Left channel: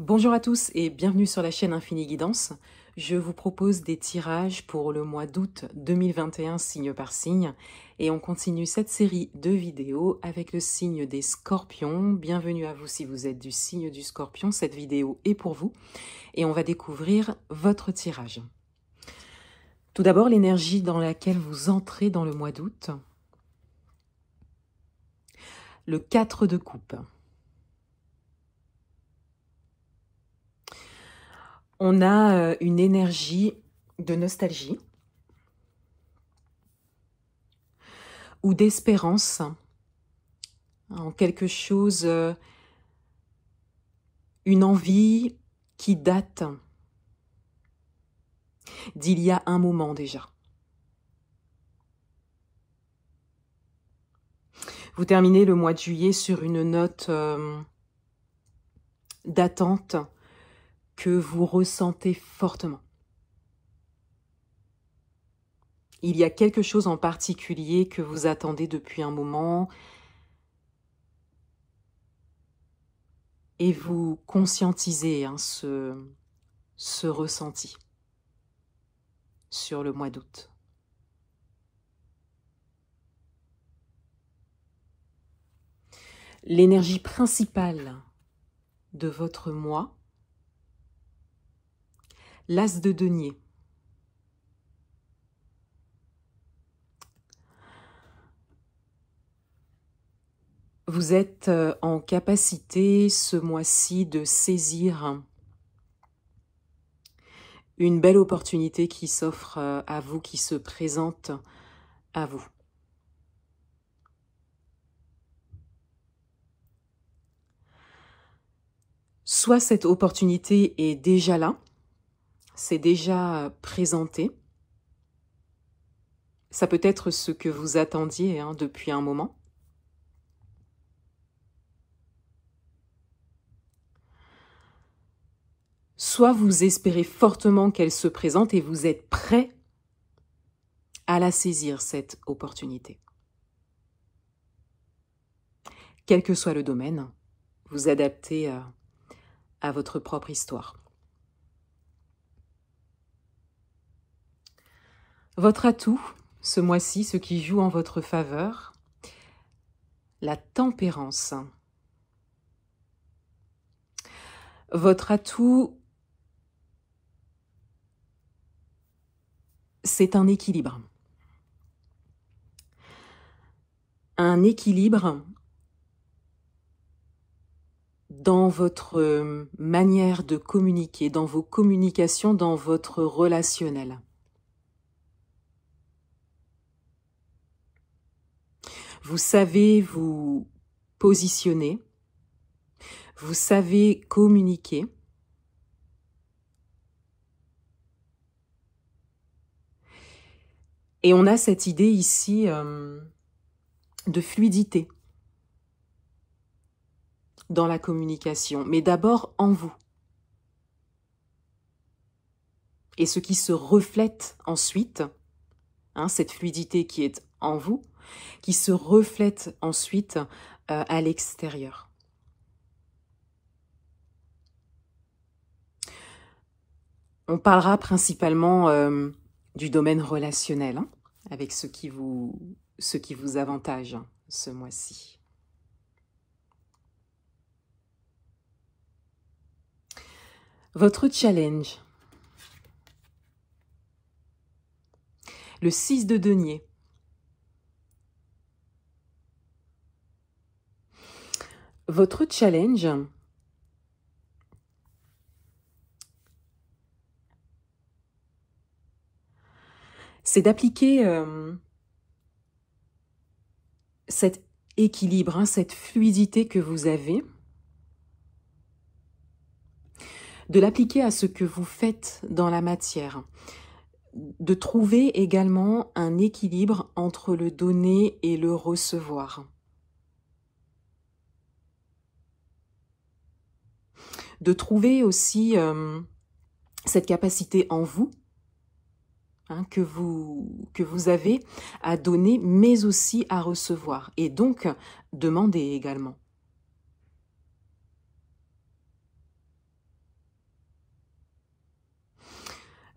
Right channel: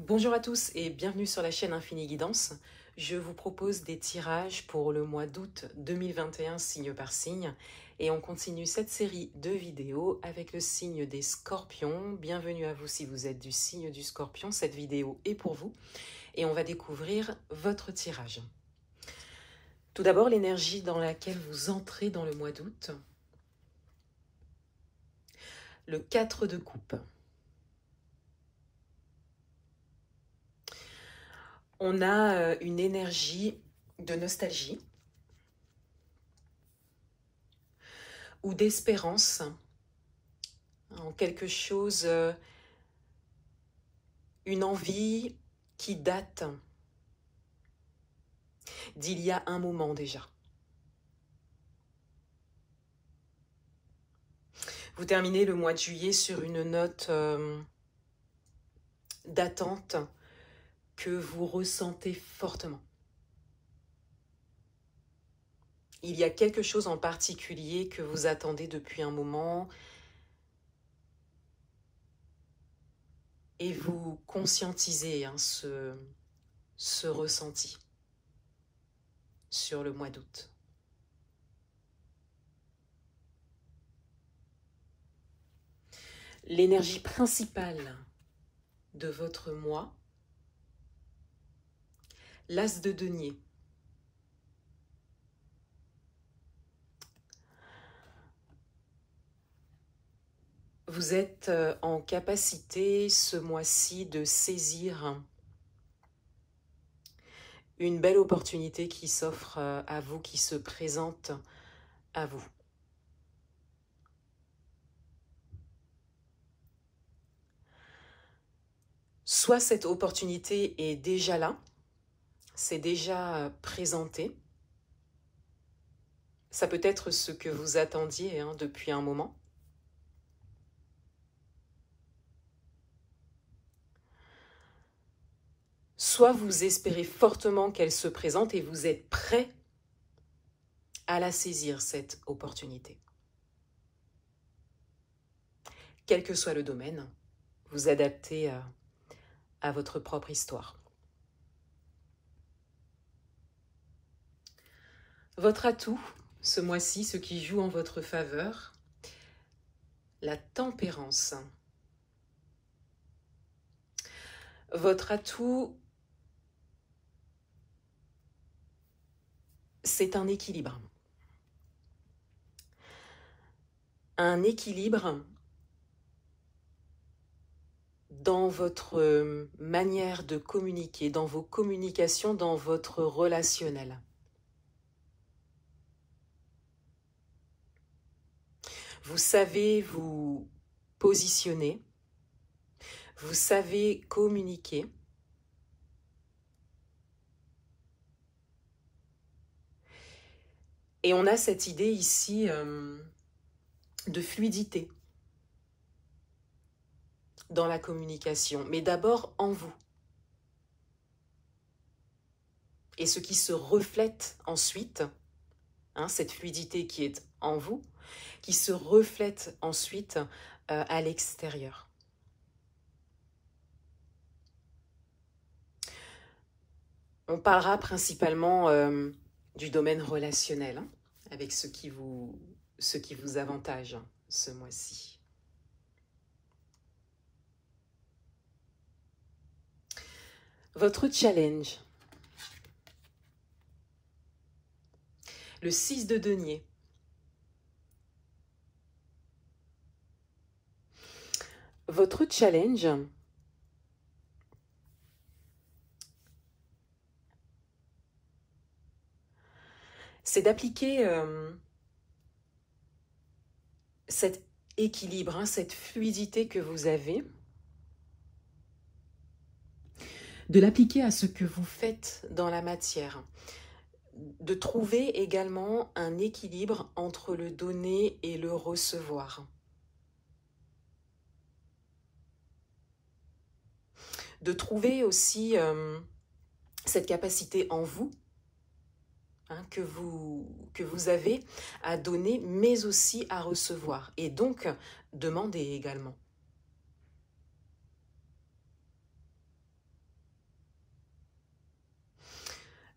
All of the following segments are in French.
Bonjour à tous et bienvenue sur la chaîne Infini Guidance. Je vous propose des tirages pour le mois d'août 2021 signe par signe et on continue cette série de vidéos avec le signe des Scorpions. Bienvenue à vous si vous êtes du signe du Scorpion, cette vidéo est pour vous et on va découvrir votre tirage. Tout d'abord, l'énergie dans laquelle vous entrez dans le mois d'août. Le 4 de coupe. On a une énergie de nostalgie ou d'espérance en quelque chose, une envie qui date d'il y a un moment déjà. Vous terminez le mois de juillet sur une note d'attente que vous ressentez fortement. Il y a quelque chose en particulier que vous attendez depuis un moment et vous conscientisez ce ressenti sur le mois d'août. L'énergie principale de votre mois, l'As de denier. Vous êtes en capacité ce mois-ci de saisir une belle opportunité qui s'offre à vous, qui se présente à vous. Soit cette opportunité est déjà là, c'est déjà présenté. Ça peut être ce que vous attendiez depuis un moment. Soit vous espérez fortement qu'elle se présente et vous êtes prêt à la saisir, cette opportunité. Quel que soit le domaine, vous adaptez à votre propre histoire. Votre atout, ce mois-ci, ce qui joue en votre faveur, la tempérance. Votre atout, c'est un équilibre. Un équilibre dans votre manière de communiquer, dans vos communications, dans votre relationnel. Vous savez vous positionner, vous savez communiquer. Et on a cette idée ici de fluidité dans la communication, mais d'abord en vous. Et ce qui se reflète ensuite, cette fluidité qui est en vous, qui se reflète ensuite à l'extérieur. On parlera principalement du domaine relationnel, avec ce qui vous avantage ce mois-ci. Votre challenge. Le 6 de denier. Votre challenge, c'est d'appliquer cet équilibre, cette fluidité que vous avez, de l'appliquer à ce que vous faites dans la matière, de trouver également un équilibre entre le donner et le recevoir. De trouver aussi cette capacité en vous, que vous avez à donner, mais aussi à recevoir. Et donc, demander également.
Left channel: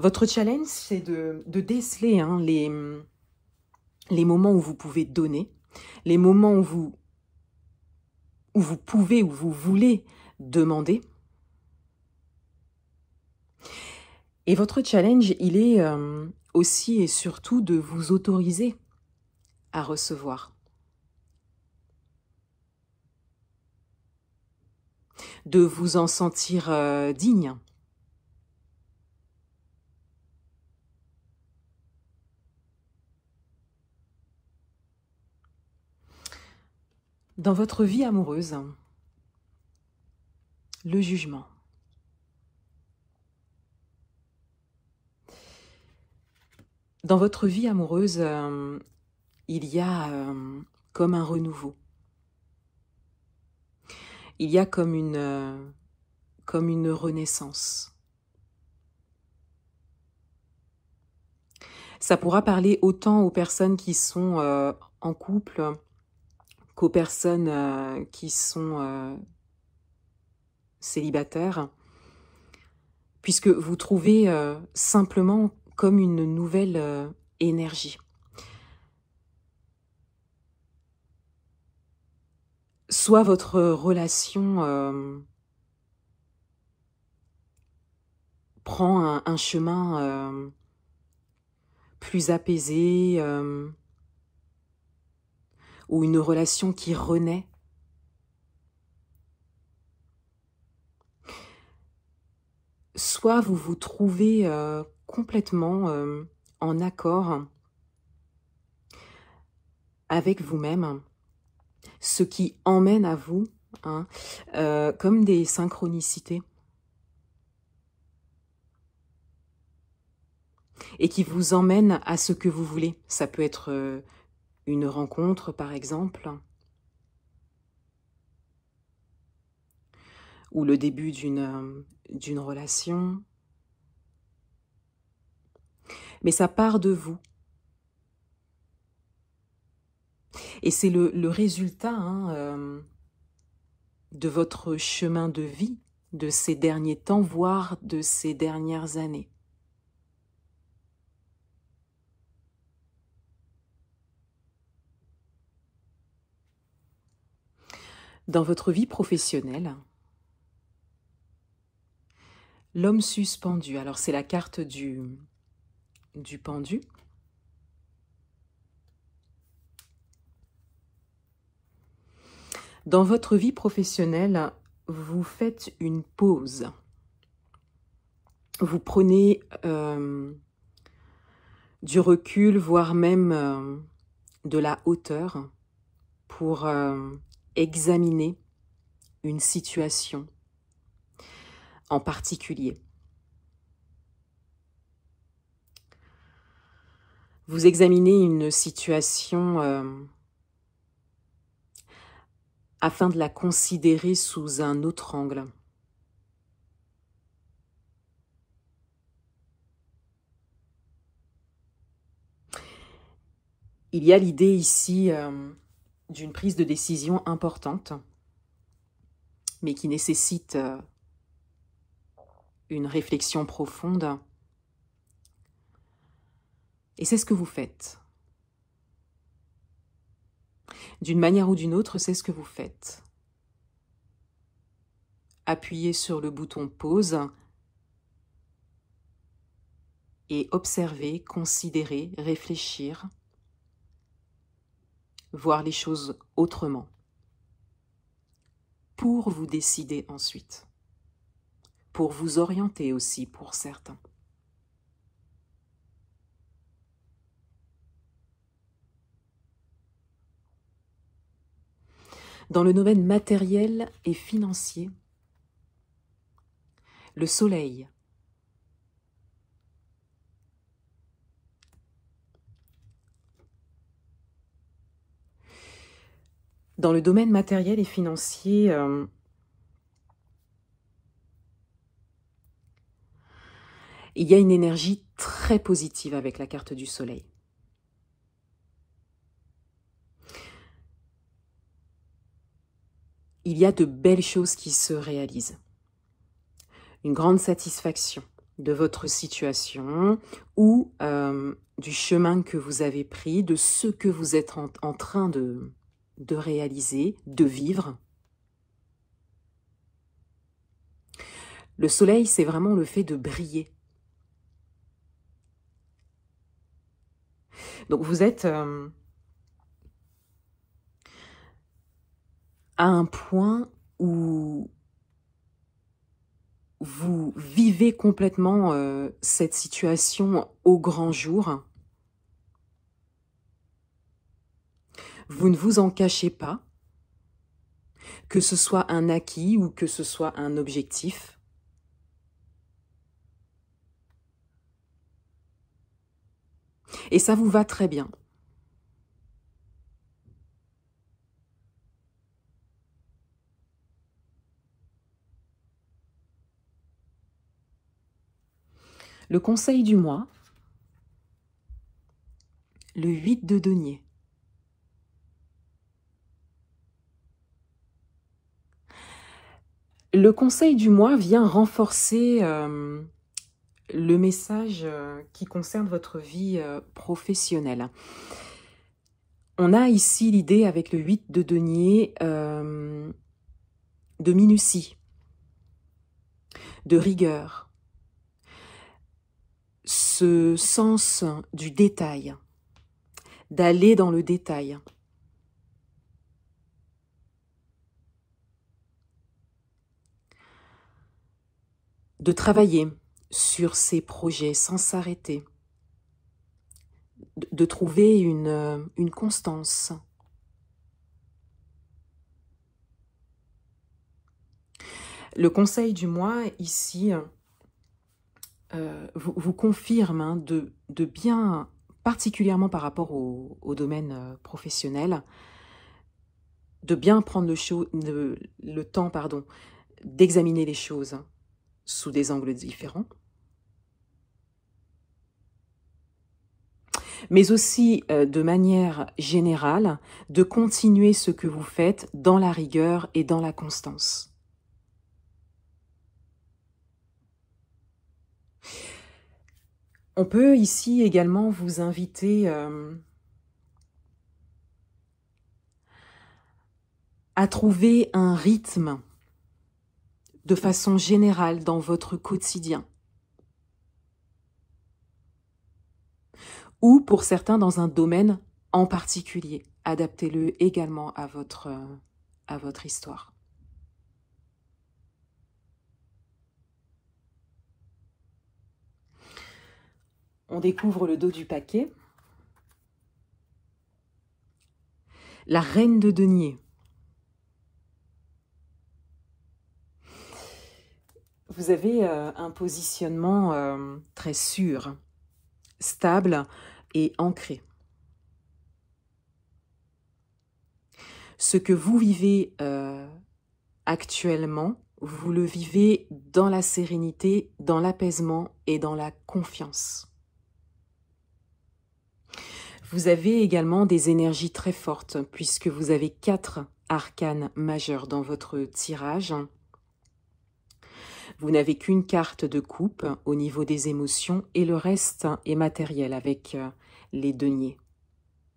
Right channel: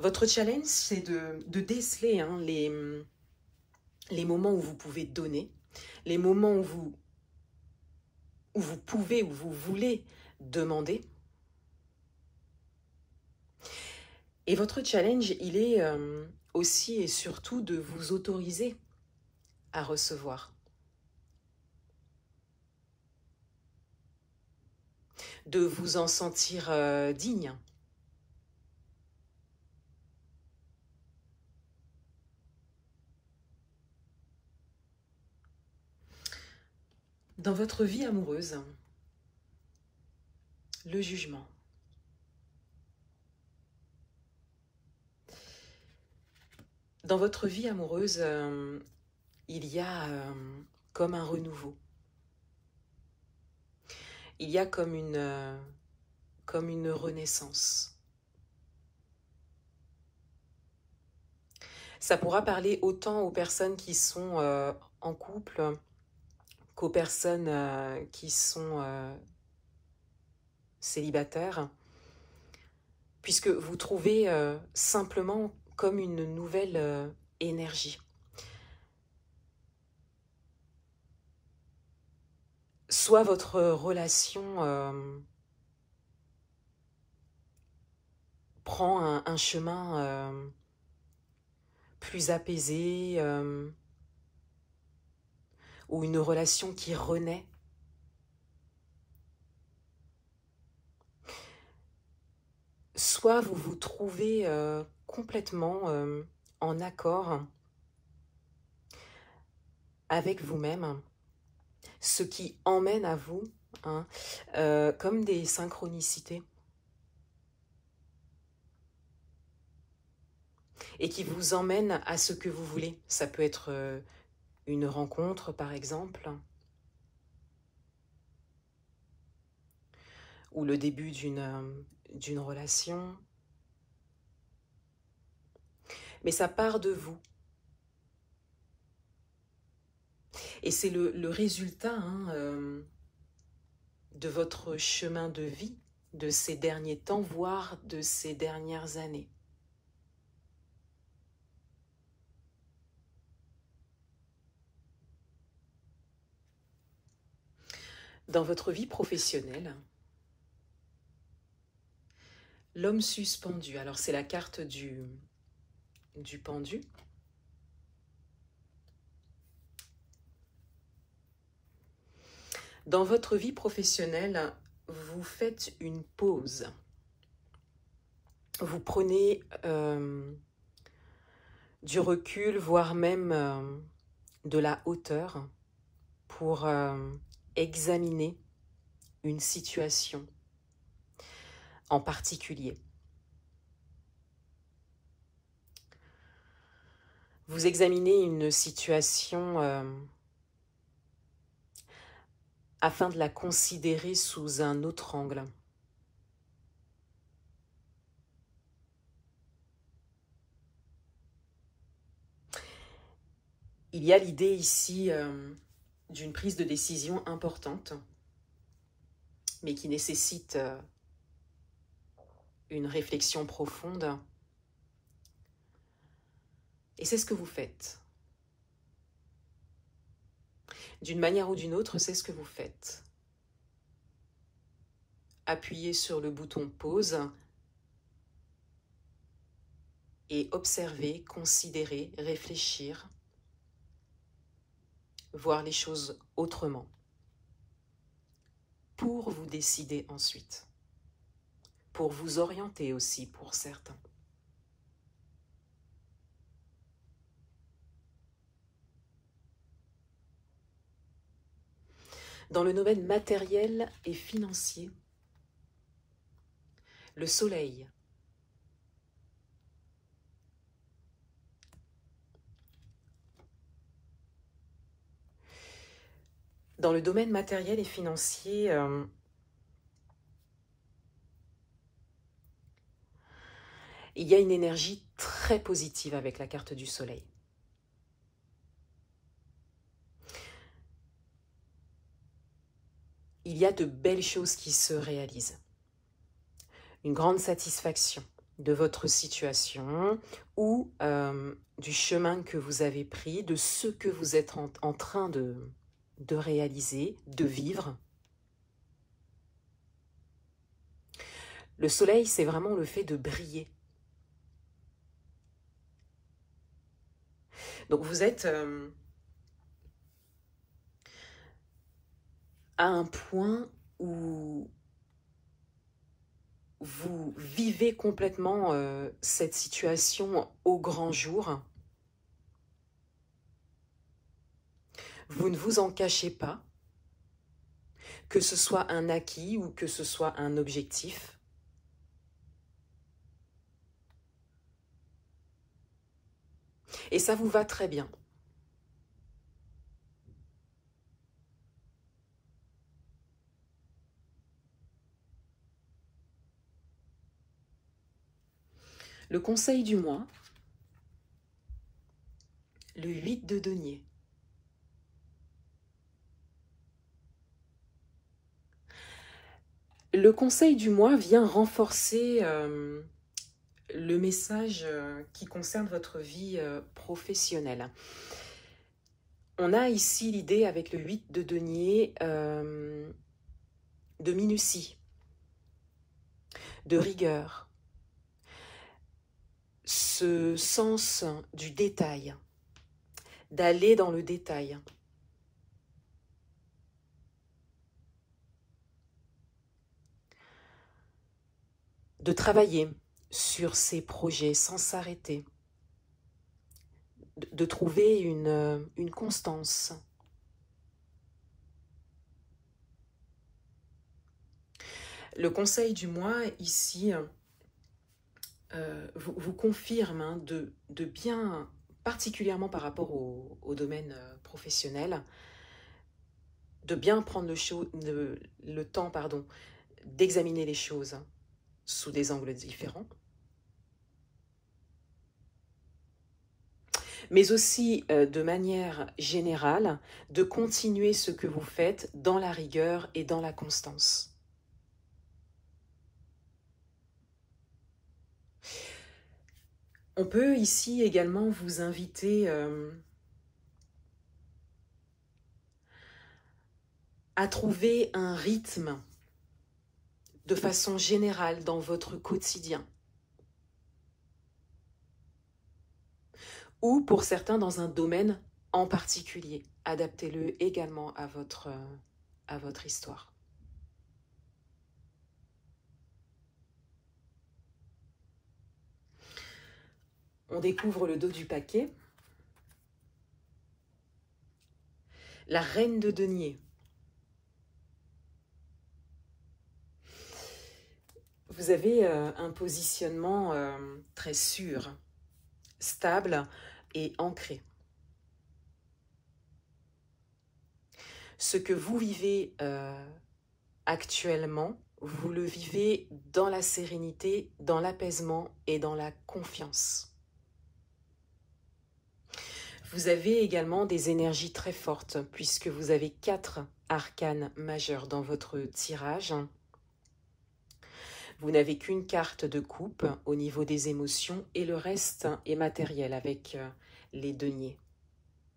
Votre challenge, c'est de déceler hein, les moments où vous pouvez donner, les moments où vous pouvez, où vous voulez demander. Et votre challenge, il est aussi et surtout de vous autoriser à recevoir. De vous en sentir digne. Dans votre vie amoureuse, le jugement. Dans votre vie amoureuse, il y a comme un renouveau. Il y a comme une renaissance. Ça pourra parler autant aux personnes qui sont en couple qu'aux personnes qui sont célibataires, puisque vous trouvez simplement comme une nouvelle énergie. Soit votre relation prend un chemin plus apaisé, ou une relation qui renaît. Soit vous vous trouvez complètement en accord avec vous-même, ce qui emmène à vous hein, comme des synchronicités et qui vous emmène à ce que vous voulez. Ça peut être une rencontre par exemple, ou le début d'une relation, mais ça part de vous. Et c'est le résultat hein, de votre chemin de vie, de ces derniers temps, voire de ces dernières années. Dans votre vie professionnelle, l'homme suspendu, alors c'est la carte du pendu. Dans votre vie professionnelle, vous faites une pause. Vous prenez du recul, voire même de la hauteur pour examiner une situation en particulier. Vous examinez une situation afin de la considérer sous un autre angle. Il y a l'idée ici d'une prise de décision importante, mais qui nécessite une réflexion profonde. Et c'est ce que vous faites. D'une manière ou d'une autre, c'est ce que vous faites. Appuyez sur le bouton pause et observez, considérez, réfléchir, voir les choses autrement, pour vous décider ensuite, pour vous orienter aussi pour certains. Dans le domaine matériel et financier, le soleil. Dans le domaine matériel et financier, il y a une énergie très positive avec la carte du soleil. Il y a de belles choses qui se réalisent. Une grande satisfaction de votre situation ou du chemin que vous avez pris, de ce que vous êtes en train de réaliser, de vivre. Le soleil, c'est vraiment le fait de briller. Donc vous êtes à un point où vous vivez complètement cette situation au grand jour. Vous ne vous en cachez pas, que ce soit un acquis ou que ce soit un objectif. Et ça vous va très bien. Le conseil du mois, le 8 de denier. Le conseil du mois vient renforcer le message qui concerne votre vie professionnelle. On a ici l'idée avec le 8 de denier de minutie, de rigueur, ce sens du détail, d'aller dans le détail. De travailler sur ses projets sans s'arrêter, de trouver une constance. Le conseil du mois ici vous confirme hein, de bien, particulièrement par rapport au domaine professionnel, de bien prendre le temps d'examiner les choses sous des angles différents, mais aussi de manière générale, de continuer ce que vous faites dans la rigueur et dans la constance. On peut ici également vous inviter à trouver un rythme de façon générale dans votre quotidien. Ou pour certains dans un domaine en particulier. Adaptez-le également à votre histoire. On découvre le dos du paquet. La reine de denier. Vous avez un positionnement très sûr, stable et ancré. Ce que vous vivez actuellement, vous le vivez dans la sérénité, dans l'apaisement et dans la confiance. Vous avez également des énergies très fortes puisque vous avez 4 arcanes majeurs dans votre tirage. Vous n'avez qu'une carte de coupe au niveau des émotions et le reste est matériel avec les deniers.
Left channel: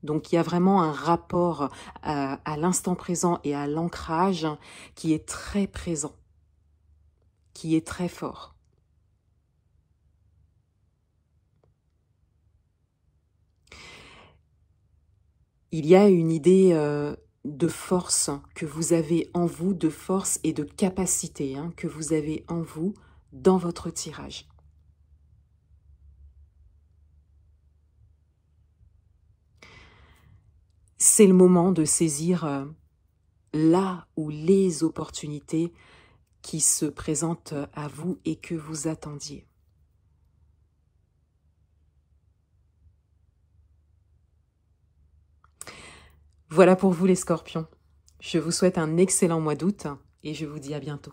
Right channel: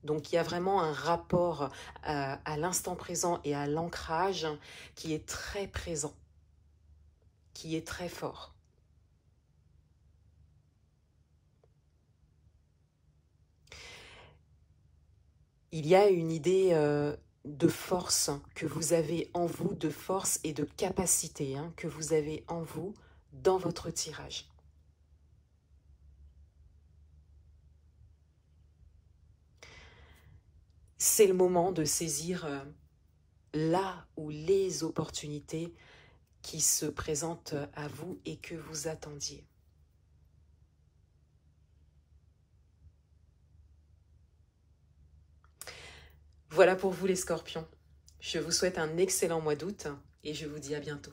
Donc il y a vraiment un rapport à l'instant présent et à l'ancrage qui est très présent, qui est très fort. Il y a une idée de force que vous avez en vous, de force et de capacité que vous avez en vous dans votre tirage. C'est le moment de saisir là ou les opportunités qui se présentent à vous et que vous attendiez. Voilà pour vous les scorpions. Je vous souhaite un excellent mois d'août et je vous dis à bientôt.